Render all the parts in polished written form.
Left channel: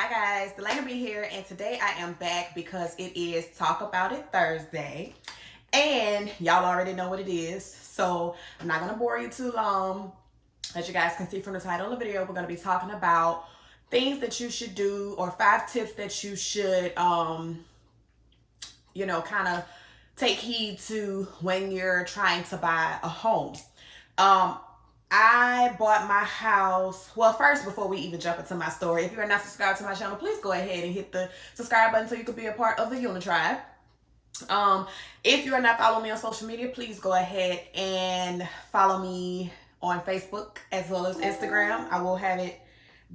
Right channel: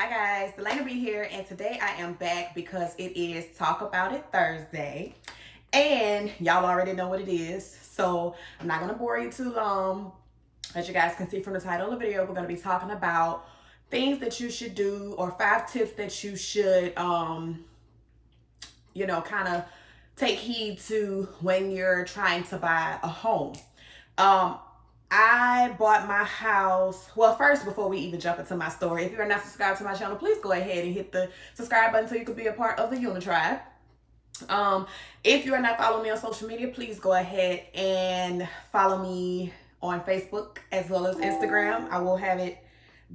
Hi guys, Dalana be here, and today I am back because it is Talk About It Thursday, and y'all already know what it is, so I'm not gonna bore you too long. As you guys can see from the title of the video, we're gonna be talking about things that you should do, or 5 tips that you should, kind of take heed to when you're trying to buy a home. Um, I bought my house. Well, first, before we even jump into my story, if you are not subscribed to my channel, please go ahead and hit the subscribe button so you can be a part of the Unitribe. If you are not following me on social media, please go ahead and follow me on Facebook as well as Instagram. I will have it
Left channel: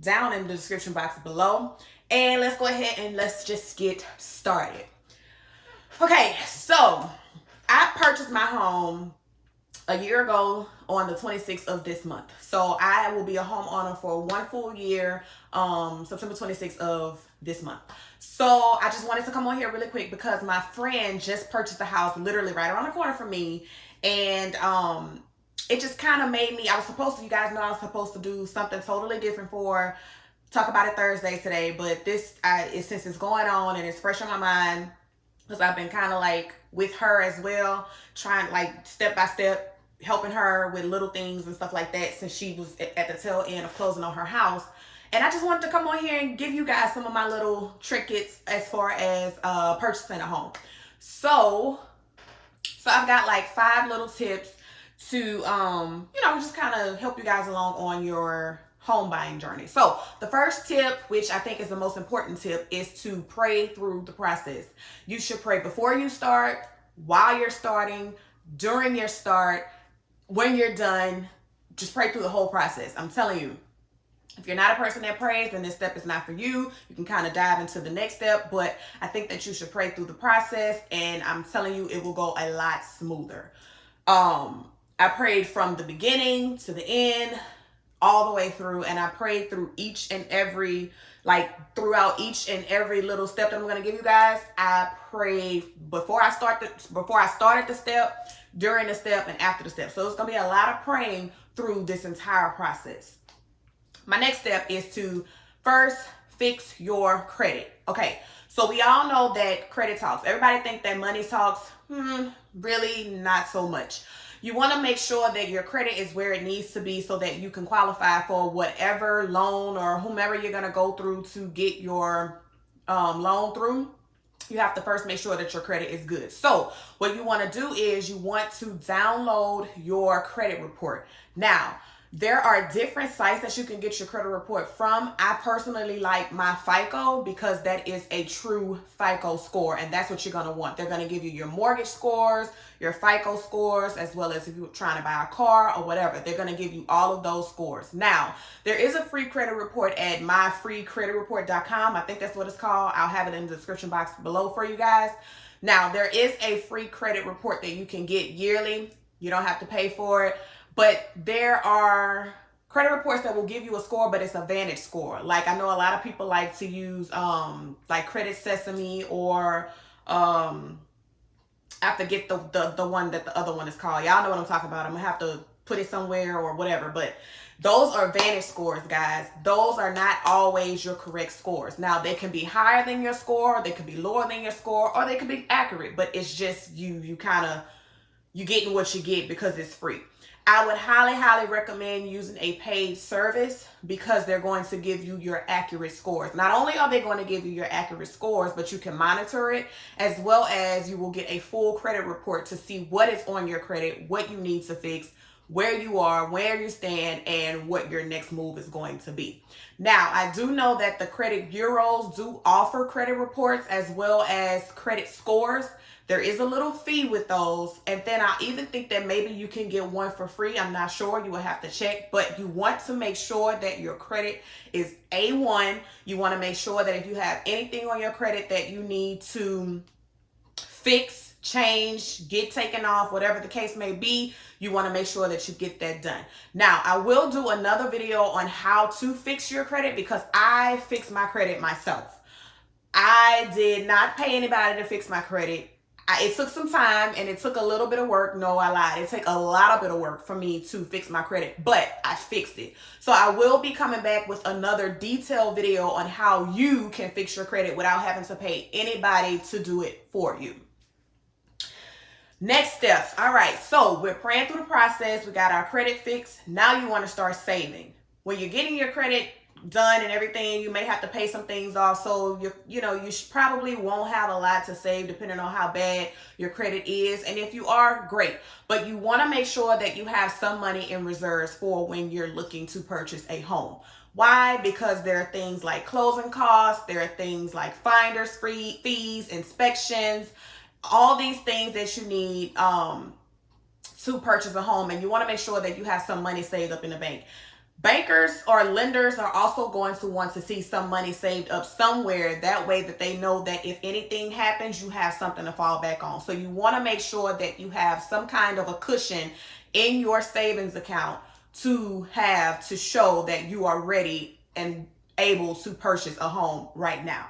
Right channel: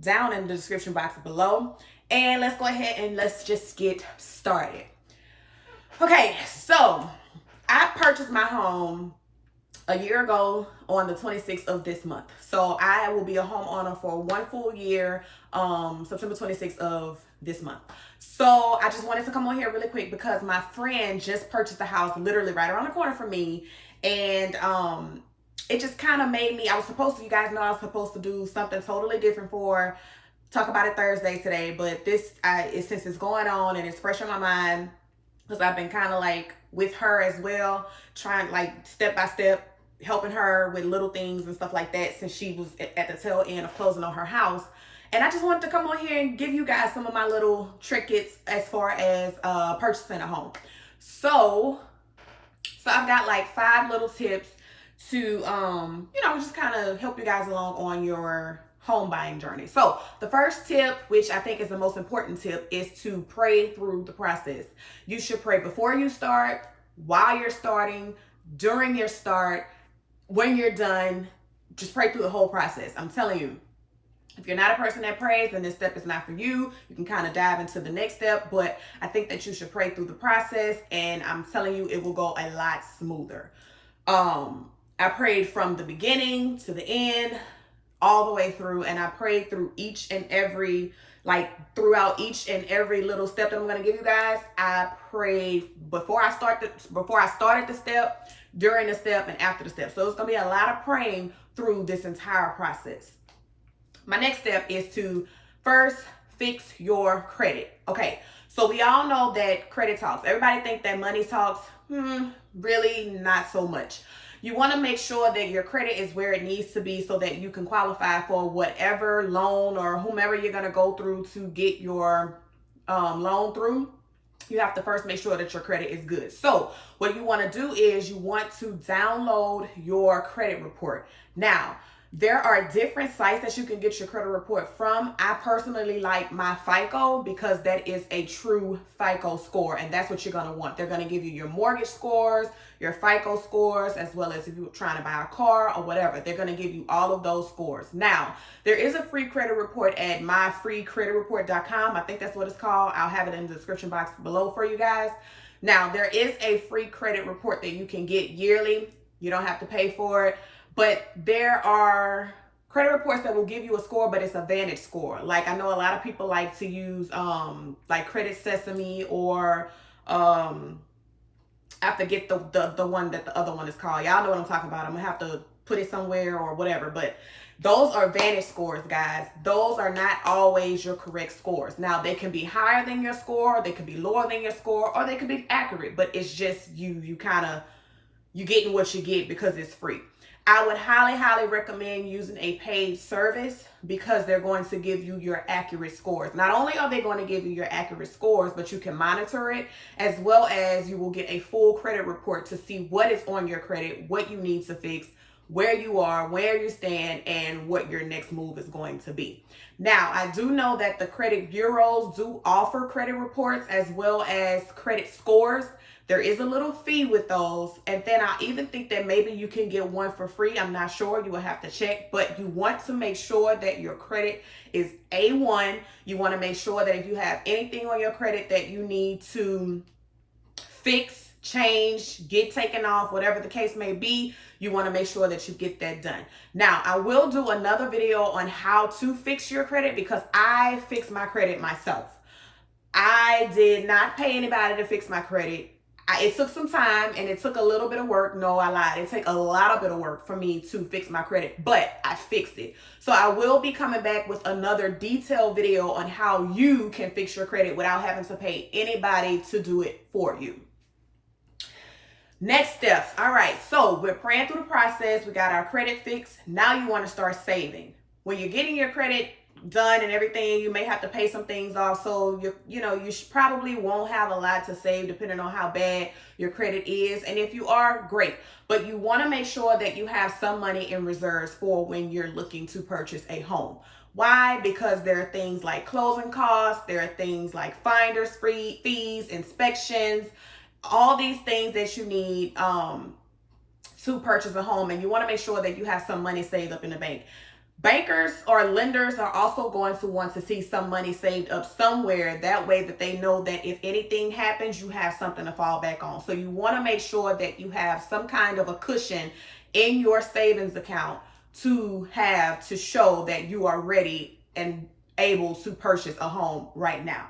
down in the description box below. And let's go ahead and let's just get started. Okay, so I purchased my home a year ago on the 26th of this month. So I will be a homeowner for 1 full year, September 26th of this month. So I just wanted to come on here really quick because my friend just purchased a house literally right around the corner from me. And it just kind of made me, you guys know I was supposed to do something totally different for Talk About It Thursday today. But since it's going on and it's fresh on my mind, because I've been kind of like with her as well, trying like step by step, helping her with little things and stuff like that since she was at the tail end of closing on her house. And I just wanted to come on here and give you guys some of my little trinkets as far as purchasing a home. So I've got like 5 little tips to just kind of help you guys along on your home buying journey. So the first tip, which I think is the most important tip, is to pray through the process. You should pray before you start, while you're starting, during your start, when you're done. Just pray through the whole process. I'm telling you, if you're not a person that prays, then this step is not for you. You can kind of dive into the next step, but I think that you should pray through the process, and I'm telling you, it will go a lot smoother. I prayed from the beginning to the end, all the way through, and I prayed through each and every, throughout each and every little step that I'm going to give you guys. I prayed before I started the step, during the step, and after the step. So it's going to be a lot of praying through this entire process. My next step is to first fix your credit. Okay, so we all know that credit talks. Everybody think that money talks. Really not so much. You want to make sure that your credit is where it needs to be so that you can qualify for whatever loan or whomever you're going to go through to get your loan through. You have to first make sure that your credit is good. So what you want to do is you want to download your credit report. Now, there are different sites that you can get your credit report from. I personally like my FICO because that is a true FICO score, and that's what you're going to want. They're going to give you your mortgage scores, your FICO scores, as well as if you're trying to buy a car or whatever. They're going to give you all of those scores. Now, there is a free credit report at myfreecreditreport.com. I think that's what it's called. I'll have it in the description box below for you guys. Now, there is a free credit report that you can get yearly. You don't have to pay for it. But there are credit reports that will give you a score, but it's a Vantage score. Like, I know a lot of people like to use like Credit Sesame, or I forget the one that the other one is called. Y'all know what I'm talking about. I'm gonna have to put it somewhere or whatever. But those are Vantage scores, guys. Those are not always your correct scores. Now, they can be higher than your score, they could be lower than your score, or they could be accurate. But it's just you getting what you get because it's free. I would highly, highly recommend using a paid service because they're going to give you your accurate scores. Not only are they going to give you your accurate scores, but you can monitor it, as well as you will get a full credit report to see what is on your credit, what you need to fix, where you are, where you stand, and what your next move is going to be. Now, I do know that the credit bureaus do offer credit reports as well as credit scores. There is a little fee with those. And then I even think that maybe you can get one for free. I'm not sure. You will have to check. But you want to make sure that your credit is A1. You want to make sure that if you have anything on your credit that you need to fix, change, get taken off, whatever the case may be, you want to make sure that you get that done. Now, I will do another video on how to fix your credit because I fixed my credit myself. I did not pay anybody to fix my credit. It took some time and it took a little bit of work. No, I lied. It took a lot of bit of work for me to fix my credit, but I fixed it. So I will be coming back with another detailed video on how you can fix your credit without having to pay anybody to do it for you. Next steps. All right, so we're praying through the process. We got our credit fixed. Now you want to start saving. When you're getting your credit done and everything, you may have to pay some things off. So you probably won't have a lot to save depending on how bad your credit is. And if you are, great. But you want to make sure that you have some money in reserves for when you're looking to purchase a home. Why? Because there are things like closing costs. There are things like finder's fees, inspections, all these things that you need to purchase a home. And you want to make sure that you have some money saved up in the bank. Bankers or lenders are also going to want to see some money saved up somewhere. That way that they know that if anything happens, you have something to fall back on. So you want to make sure that you have some kind of a cushion in your savings account to show that you are ready and able to purchase a home right now.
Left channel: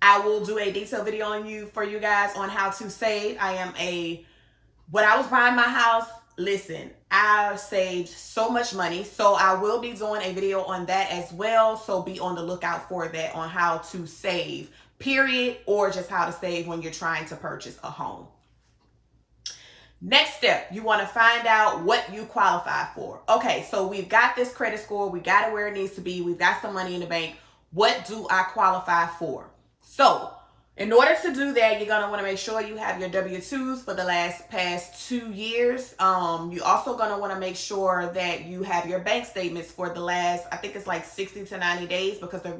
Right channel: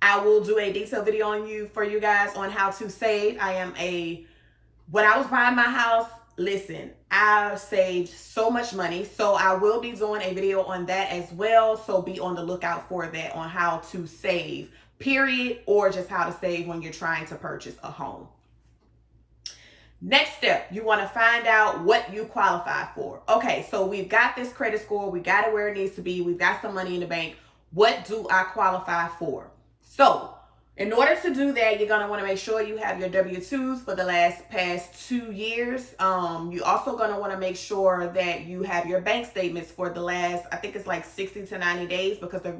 I will do a detailed video for you guys on how to save. When I was buying my house, listen, I saved so much money. So I will be doing a video on that as well. So be on the lookout for that, on how to save, period, or just how to save when you're trying to purchase a home. Next step, you want to find out what you qualify for. Okay, so we've got this credit score. We got it where it needs to be. We've got some money in the bank. What do I qualify for? So in order to do that, you're going to want to make sure you have your W-2s for the past 2 years. You also going to want to make sure that you have your bank statements for the last, I think it's like 60 to 90 days, because they're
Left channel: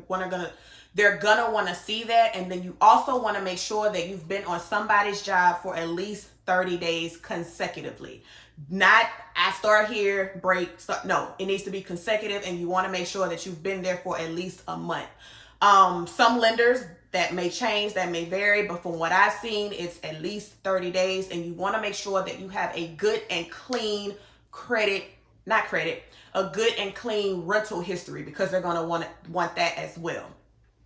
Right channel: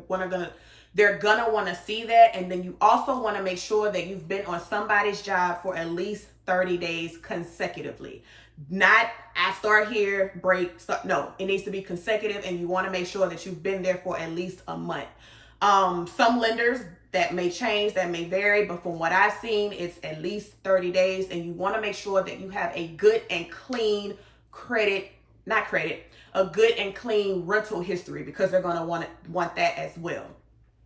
going to want to see that. And then you also want to make sure that you've been on somebody's job for at least 30 days consecutively. Not I start here, break, start. No, it needs to be consecutive, and you want to make sure that you've been there for at least a month. Some lenders, that may change, that may vary, but from what I've seen, it's at least 30 days, and you want to make sure that you have a good and clean a good and clean rental history, because they're going to want that as well.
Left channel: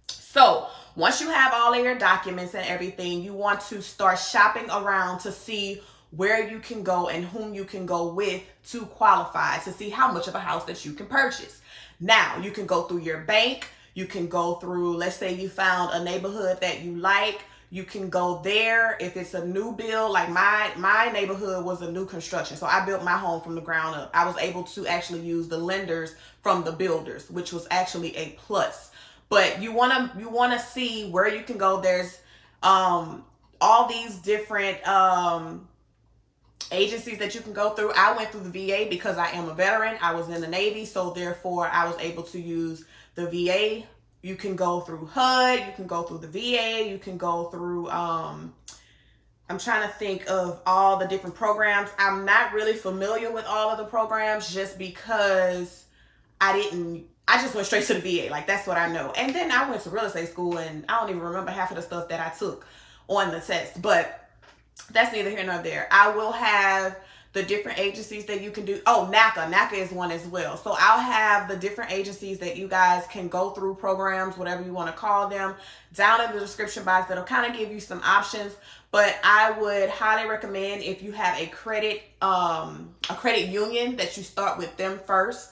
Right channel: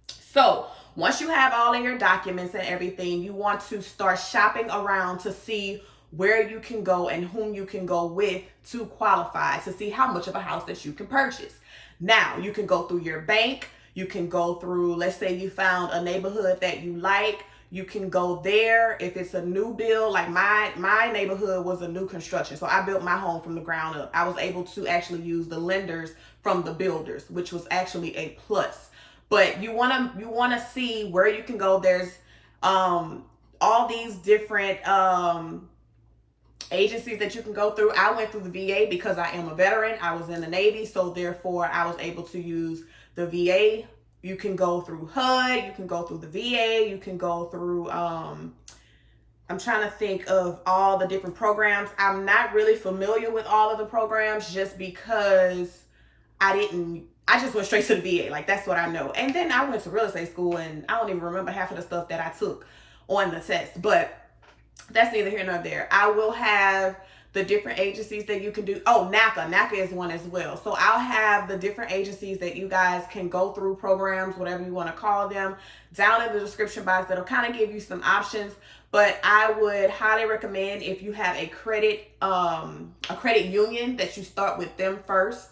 So once you have all of your documents and everything, you want to start shopping around to see where you can go and whom you can go with to qualify, to see how much of a house that you can purchase. Now, you can go through your bank. You can go through, let's say you found a neighborhood that you like. You can go there. If it's a new build, like my neighborhood was a new construction. So I built my home from the ground up. I was able to actually use the lenders from the builders, which was actually a plus. But you wanna see where you can go. There's all these different agencies that you can go through. I went through the VA because I am a veteran. I was in the Navy, so therefore I was able to use the VA. You can go through HUD, you can go through the VA, you can go through, I'm trying to think of all the different programs. I'm not really familiar with all of the programs just because I just went straight to the VA. Like, that's what I know. And then I went to real estate school, and I don't even remember half of the stuff that I took on the test, but that's neither here nor there. I will have the different agencies that you can do. Oh, NACA is one as well. So I'll have the different agencies that you guys can go through, programs, whatever you want to call them, down in the description box. That'll kind of give you some options. But I would highly recommend, if you have a credit union, that you start with them first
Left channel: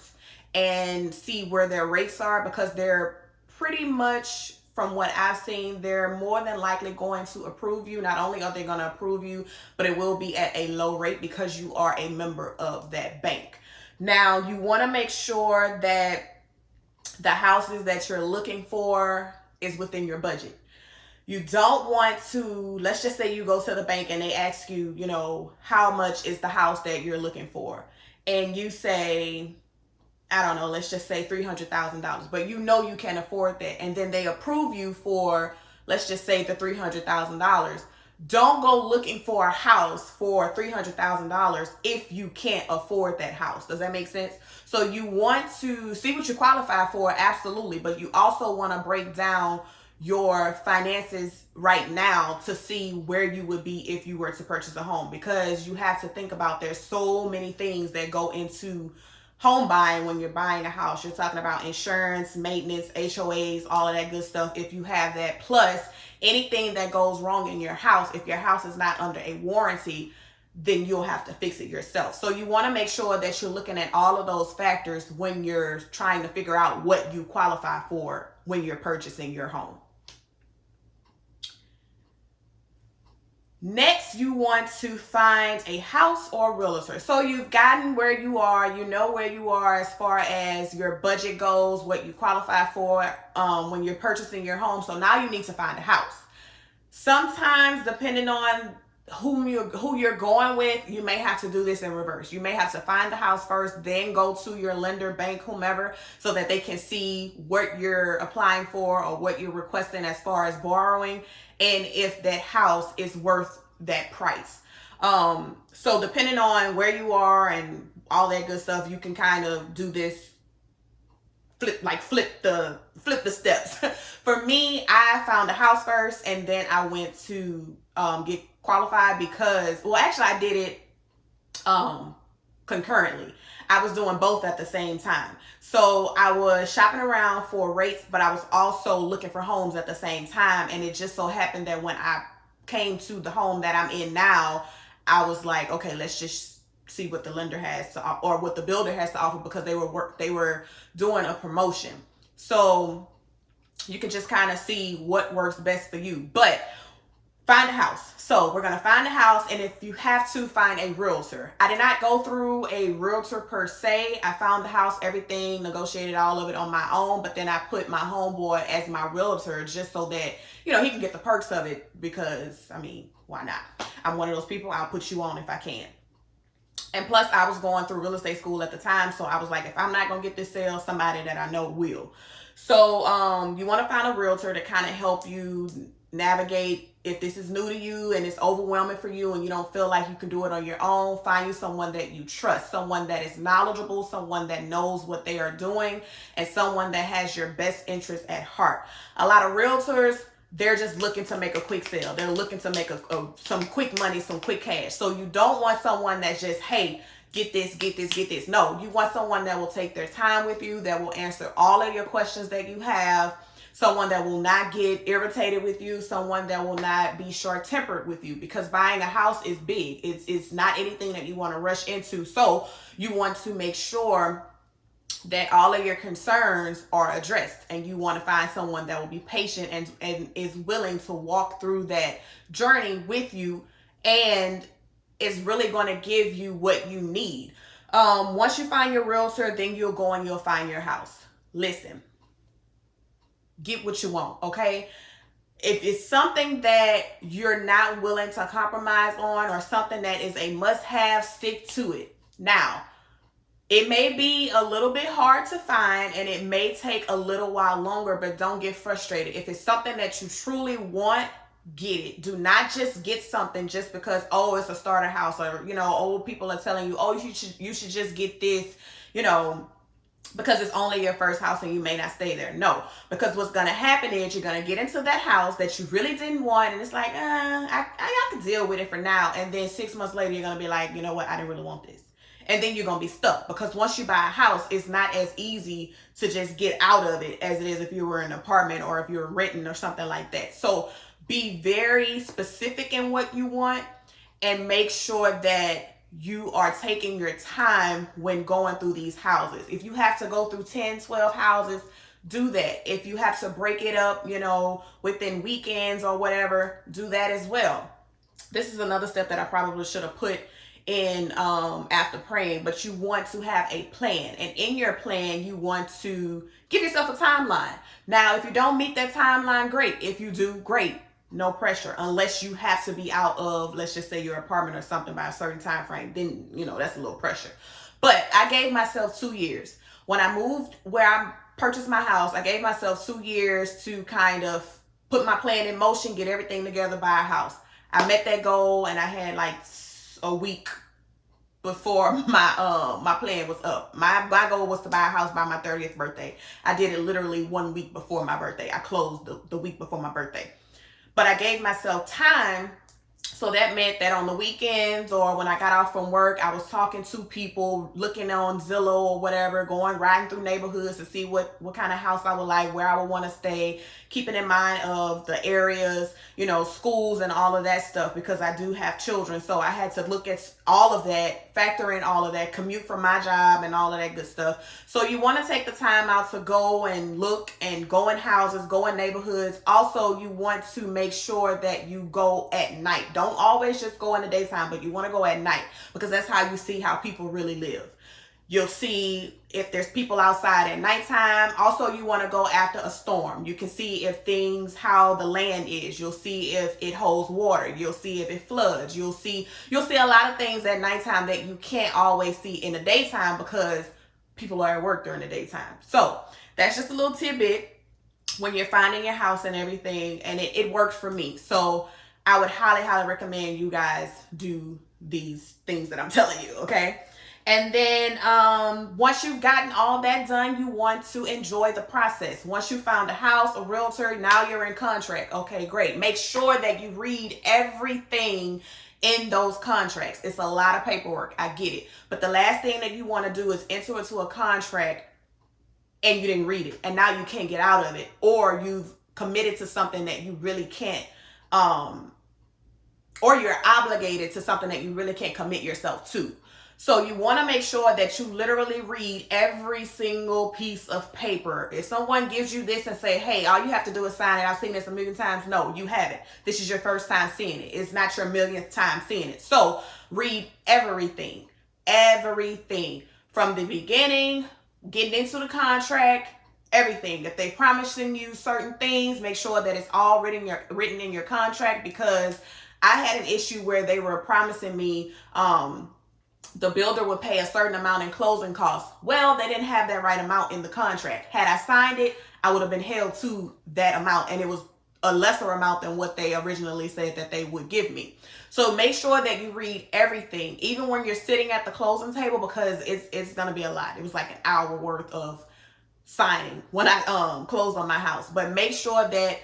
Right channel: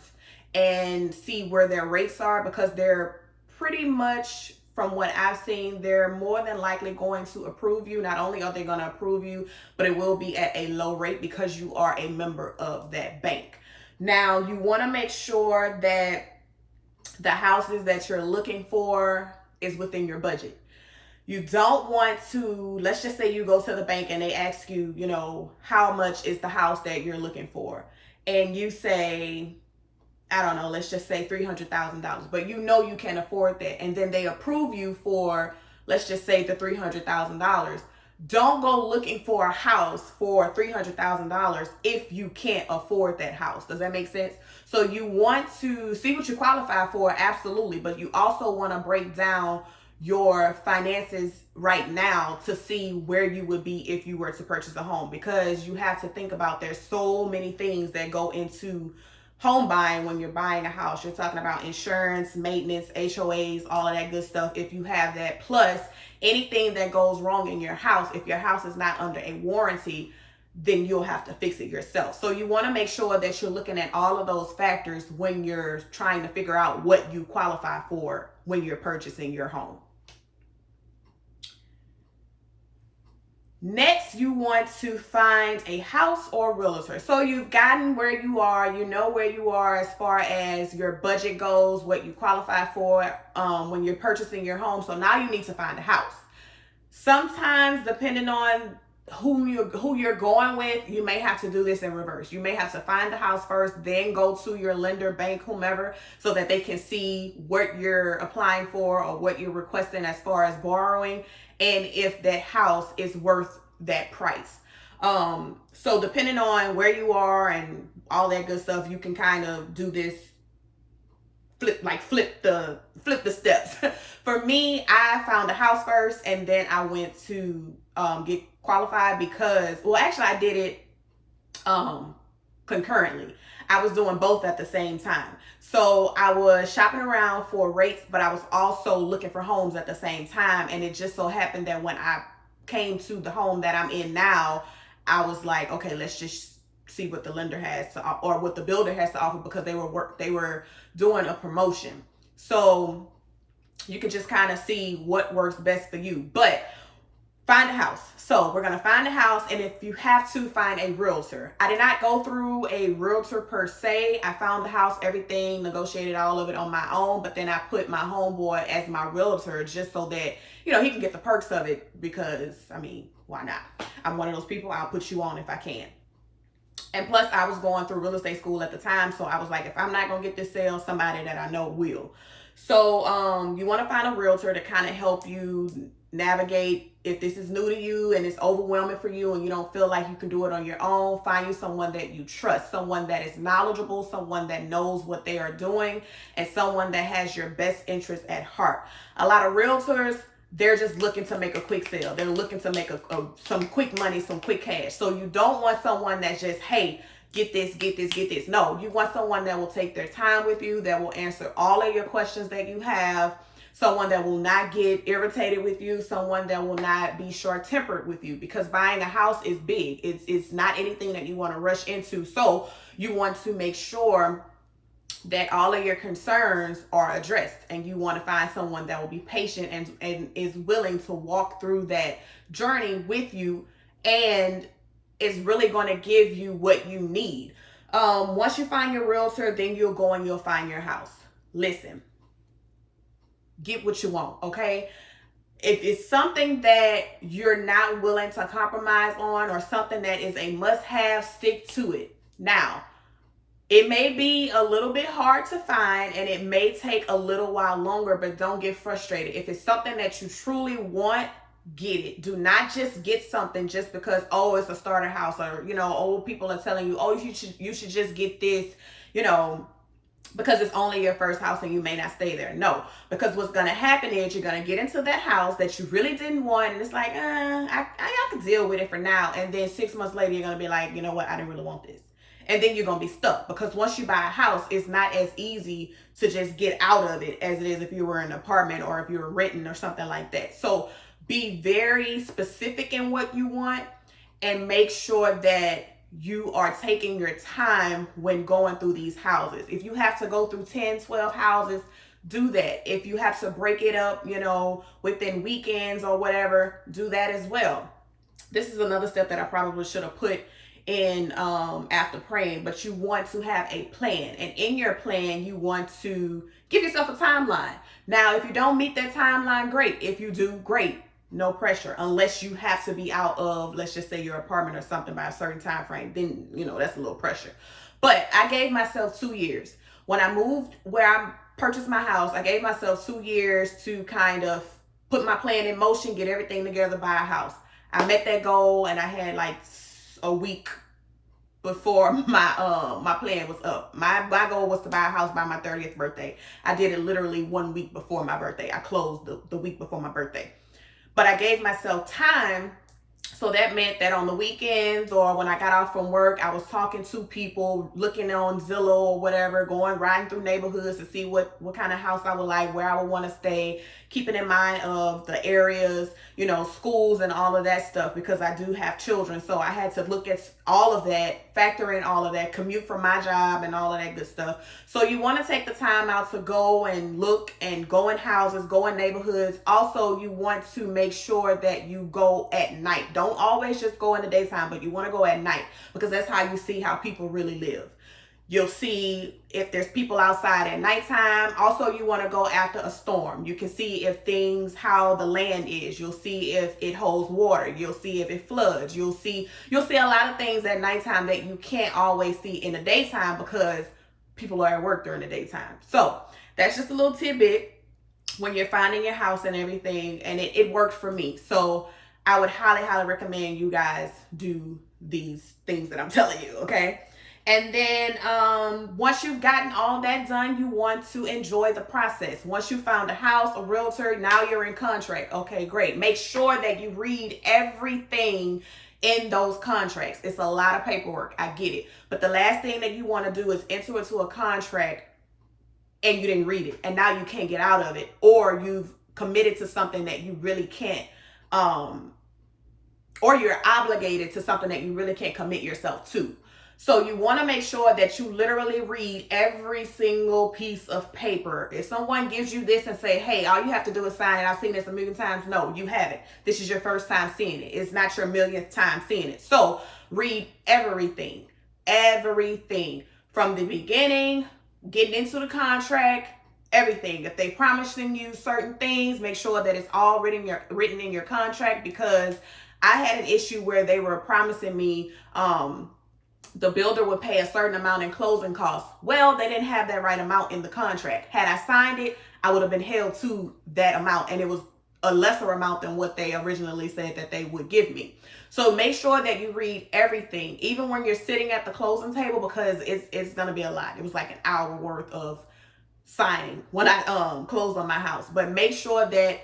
and see where their rates are, because they're pretty much, from what I've seen, they're more than likely going to approve you. Not only are they going to approve you, but it will be at a low rate because you are a member of that bank. Now, you want to make sure that the houses that you're looking for is within your budget. You don't want to, let's just say you go to the bank and they ask you, how much is the house that you're looking for? And you say, I don't know, let's just say $300,000, but you can afford that. And then they approve you for, let's just say, the $300,000. Don't go looking for a house for $300,000 if you can't afford that house. Does that make sense? So you want to see what you qualify for, absolutely, but you also want to break down your finances right now to see where you would be if you were to purchase a home, because you have to think about, there's so many things that go into home buying, when you're buying a house, you're talking about insurance, maintenance, HOAs, all of that good stuff. If you have that, plus anything that goes wrong in your house, if your house is not under a warranty, then you'll have to fix it yourself. So you want to make sure that you're looking at all of those factors when you're trying to figure out what you qualify for when you're purchasing your home. Next, you want to find a house or realtor. So you've gotten where you are, you know where you are as far as your budget goes, what you qualify for when you're purchasing your home. So now you need to find a house. Sometimes, depending on who you're going with, you may have to do this in reverse. You may have to find the house first, then go to your lender, bank, whomever, so that they can see what you're applying for or what you're requesting as far as borrowing, and if that house is worth that price. So depending on where you are and all that good stuff, you can kind of do this flip the steps. For me, I found a house first, and then I went to get qualified, because, well, actually I did it concurrently. I was doing both at the same time. So I was shopping around for rates, but I was also looking for homes at the same time. And it just so happened that when I came to the home that I'm in now, I was like, okay, let's just see what the lender has to, or what the builder has to offer, because they were doing a promotion. So you can just kind of see what works best for you. But find a house. So we're going to find a house, and if you have to, find a realtor. I did not go through a realtor per se. I found the house, everything, negotiated all of it on my own, but then I put my homeboy as my realtor, just so that, you know, he can get the perks of it, because, I mean, why not? I'm one of those people, I'll put you on if I can. And plus, I was going through real estate school at the time, so I was like, if I'm not going to get this sale, somebody that I know will. So you want to find a realtor to kind of help you navigate if this is new to you and it's overwhelming for you and you don't feel like you can do it on your own. Find you someone that you trust, someone that is knowledgeable, someone that knows what they are doing, and someone that has your best interest at heart. A lot of realtors, they're just looking to make a quick sale. They're looking to make some quick money, some quick cash. So you don't want someone that's just, hey, get this, get this, get this. No, you want someone that will take their time with you, that will answer all of your questions that you have, someone that will not get irritated with you, someone that will not be short-tempered with you, because buying a house is big. It's not anything that you want to rush into. So you want to make sure that all of your concerns are addressed, and you want to find someone that will be patient and is willing to walk through that journey with you, and is really going to give you what you need. Once you find your realtor, then you'll go and you'll find your house. Listen, get what you want, okay? If it's something that you're not willing to compromise on, or something that is a must-have, stick to it. Now, it may be a little bit hard to find, and it may take a little while longer, but don't get frustrated. If it's something that you truly want, get it. Do not just get something just because, oh, it's a starter house, or, you know, old people are telling you, oh, you should just get this, you know, because it's only your first house and you may not stay there. No, because what's going to happen is you're going to get into that house that you really didn't want, and it's like, I can deal with it for now. And then 6 months later, you're going to be like, you know what, I didn't really want this. And then you're going to be stuck, because once you buy a house, it's not as easy to just get out of it as it is if you were in an apartment or if you're renting or something like that. So be very specific in what you want, and make sure that you are taking your time when going through these houses. If you have to go through 10, 12 houses, do that. If you have to break it up, you know, within weekends or whatever, do that as well. This is another step that I probably should have put in after praying, but you want to have a plan, and in your plan you want to give yourself a timeline. Now, if you don't meet that timeline, great. If you do, great. No pressure, unless you have to be out of, let's just say, your apartment or something by a certain time frame. Then, you know, that's a little pressure. But I gave myself 2 years. When I moved where I purchased my house, I gave myself 2 years to kind of put my plan in motion, get everything together, buy a house. I met that goal, and I had like a week before my plan was up. My goal was to buy a house by my 30th birthday. I did it literally 1 week before my birthday. I closed the week before my birthday. But I gave myself time So that meant that on the weekends or when I got off from work, I was talking to people, looking on Zillow or whatever, riding through neighborhoods to see what kind of house I would like, where I would want to stay, keeping in mind of the areas, schools and all of that stuff, because I do have children. So I had to look at all of that, factor in all of that, commute from my job and all of that good stuff. So you want to take the time out to go and look and go in houses, go in neighborhoods. Also, you want to make sure that you go at night. Don't always just go in the daytime, but you want to go at night, because that's how you see how people really live. You'll see if there's people outside at nighttime. Also, you want to go after a storm. You can see if how the land is. You'll see if it holds water. You'll see if it floods. You'll see a lot of things at nighttime that you can't always see in the daytime because people are at work during the daytime. So that's just a little tidbit when you're finding your house and everything, and it worked for me. So I would highly, highly recommend you guys do these things that I'm telling you, okay? And then once you've gotten all that done, you want to enjoy the process. Once you found a house, a realtor, now you're in contract. Okay, great. Make sure that you read everything in those contracts. It's a lot of paperwork. I get it. But the last thing that you want to do is enter into a contract and you didn't read it, and now you can't get out of it, or you've committed to something that you really can't, or you're obligated to something that you really can't commit yourself to. So you want to make sure that you literally read every single piece of paper. If someone gives you this and say, hey, all you have to do is sign it, I've seen this a million times. No, you haven't. This is your first time seeing it. It's not your millionth time seeing it. So read everything from the beginning, getting into the contract, everything. If they promising you certain things, make sure that it's all written in your contract, because I had an issue where they were promising me the builder would pay a certain amount in closing costs. Well, they didn't have that right amount in the contract. Had I signed it, I would have been held to that amount, and it was a lesser amount than what they originally said that they would give me. So make sure that you read everything, even when you're sitting at the closing table, because it's going to be a lot. It was like an hour worth of signing when I closed on my house. But make sure that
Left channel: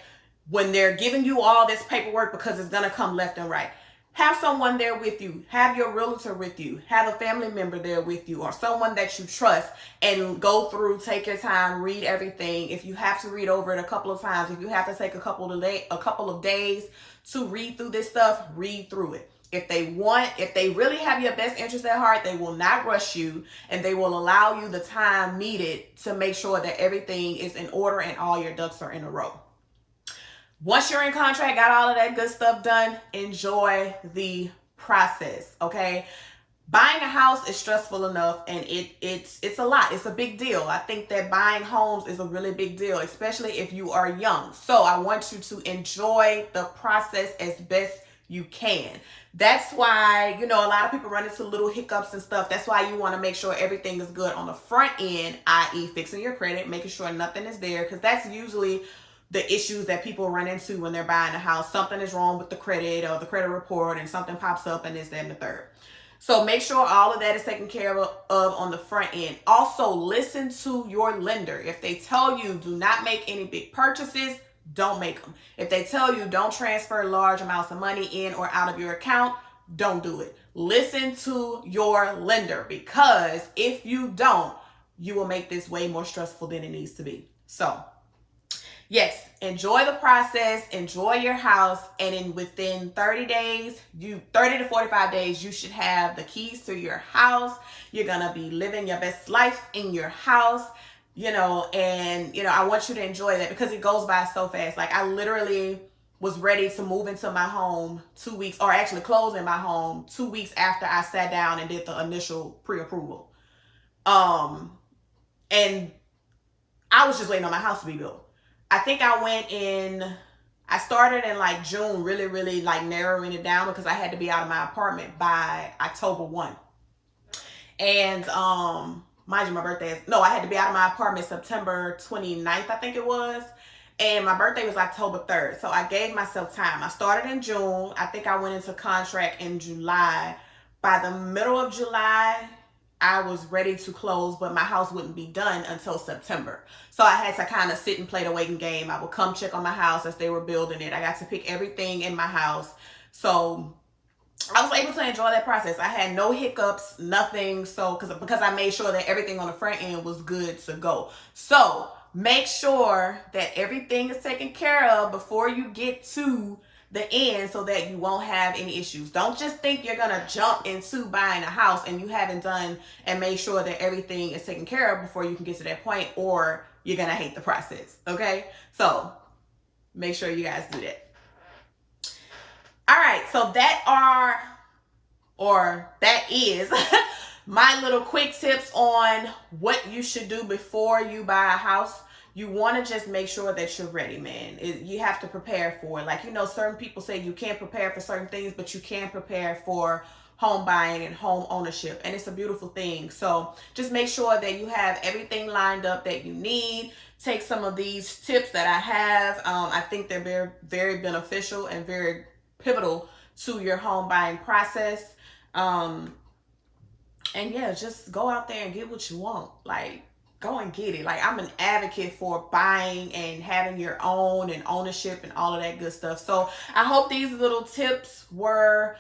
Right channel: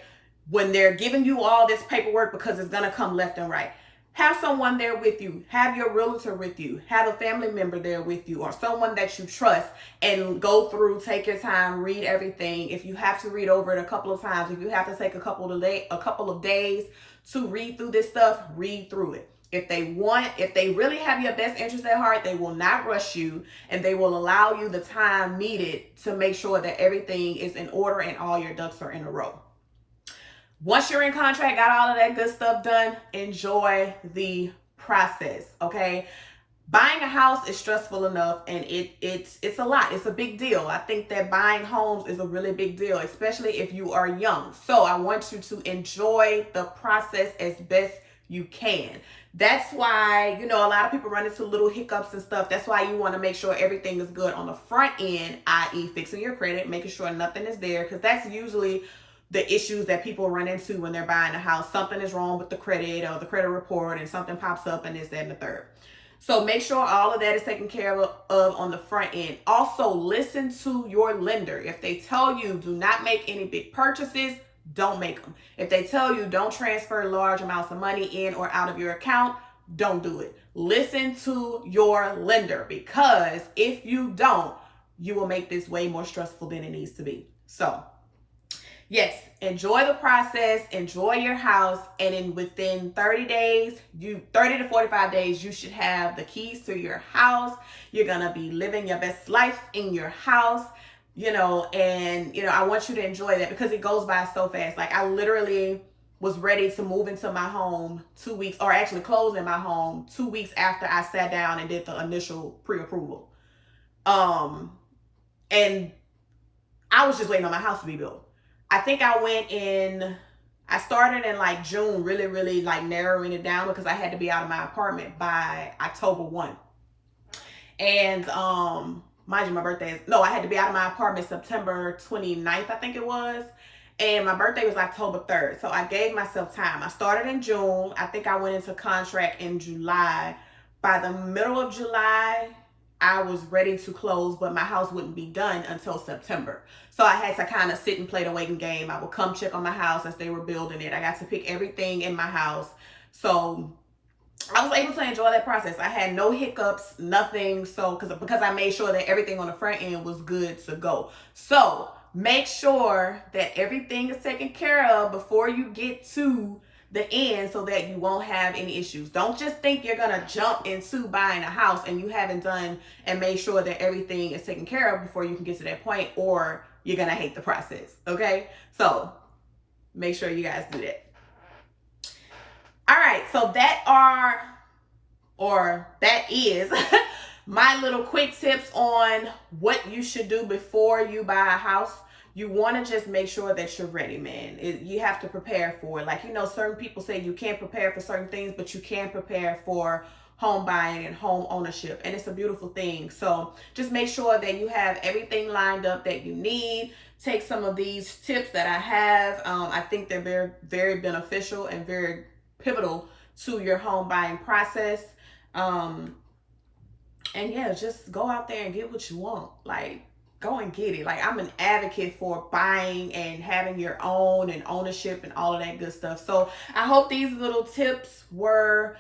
when they're giving you all this paperwork, because it's going to come left and right, have someone there with you. Have your realtor with you. Have a family member there with you, or someone that you trust, and go through, take your time, read everything. If you have to read over it a couple of times, if you have to take a couple of days to read through this stuff, read through it. If they really have your best interest at heart, they will not rush you, and they will allow you the time needed to make sure that everything is in order and all your ducks are in a row. Once you're in contract, got all of that good stuff done, enjoy the process, okay? Buying a house is stressful enough, and it's a lot. It's a big deal. I think that buying homes is a really big deal, especially if you are young. So I want you to enjoy the process as best you can. That's why, a lot of people run into little hiccups and stuff. That's why you want to make sure everything is good on the front end, i.e. fixing your credit, making sure nothing is there, because that's usually the issues that people run into when they're buying a house. Something is wrong with the credit or the credit report, and something pops up and this, that, and the third. So make sure all of that is taken care of on the front end. Also, listen to your lender. If they tell you do not make any big purchases, don't make them. If they tell you don't transfer large amounts of money in or out of your account, don't do it. Listen to your lender, because if you don't, you will make this way more stressful than it needs to be. So yes, enjoy the process, enjoy your house, and within 30 to 45 days, you should have the keys to your house. You're going to be living your best life in your house, I want you to enjoy that, because it goes by so fast. Like, I literally was ready to move into my home 2 weeks, or actually close in my home 2 weeks after I sat down and did the initial pre-approval. And I was just waiting on my house to be built. I think I started in like June, really, really like narrowing it down, because I had to be out of my apartment by October 1. And mind you, I had to be out of my apartment September 29th, I think it was. And my birthday was October 3rd. So I gave myself time. I started in June. I think I went into contract in July. By the middle of July, I was ready to close, but my house wouldn't be done until September. So I had to kind of sit and play the waiting game. I would come check on my house as they were building it. I got to pick everything in my house. So I was able to enjoy that process. I had no hiccups, nothing. So, because I made sure that everything on the front end was good to go. So, make sure that everything is taken care of before you get to the end so that you won't have any issues. Don't just think you're going to jump into buying a house and you haven't done and made sure that everything is taken care of before you can get to that point, or you're going to hate the process. Okay? So, make sure you guys do that. All right, so that is my little quick tips on what you should do before you buy a house. You want to just make sure that you're ready, man. You have to prepare for it. Like, certain people say you can't prepare for certain things, but you can prepare for home buying and home ownership, and it's a beautiful thing. So just make sure that you have everything lined up that you need. Take some of these tips that I have. I think they're very, very beneficial and very pivotal to your home buying process. And yeah, just go out there and get what you want. Like, go and get it. Like, I'm an advocate for buying and having your own and ownership and all of that good stuff. So I hope these little tips were,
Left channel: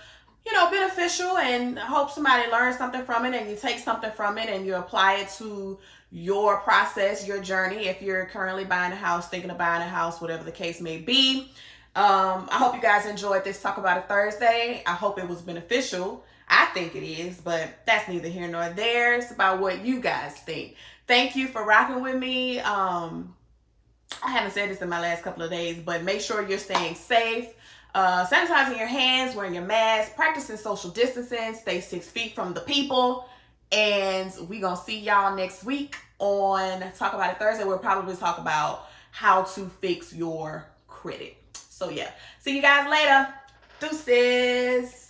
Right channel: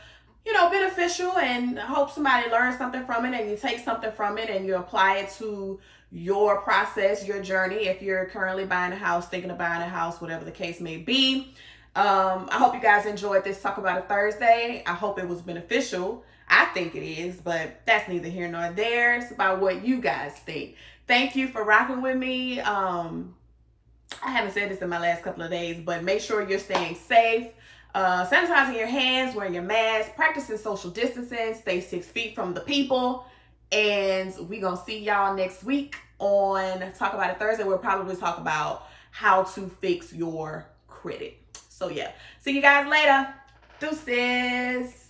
beneficial, and I hope somebody learned something from it and you take something from it and you apply it to your process, your journey. If you're currently buying a house, thinking of buying a house, whatever the case may be. I hope you guys enjoyed this Talk About It Thursday. I hope it was beneficial. I think it is, but that's neither here nor there. It's about what you guys think. Thank you for rocking with me. I haven't said this in my last couple of days, but make sure you're staying safe. Sanitizing your hands, wearing your mask, practicing social distancing, stay 6 feet from the people. And we gonna see y'all next week on Talk About It Thursday. We'll probably talk about how to fix your credit. So yeah, see you guys later. Deuces.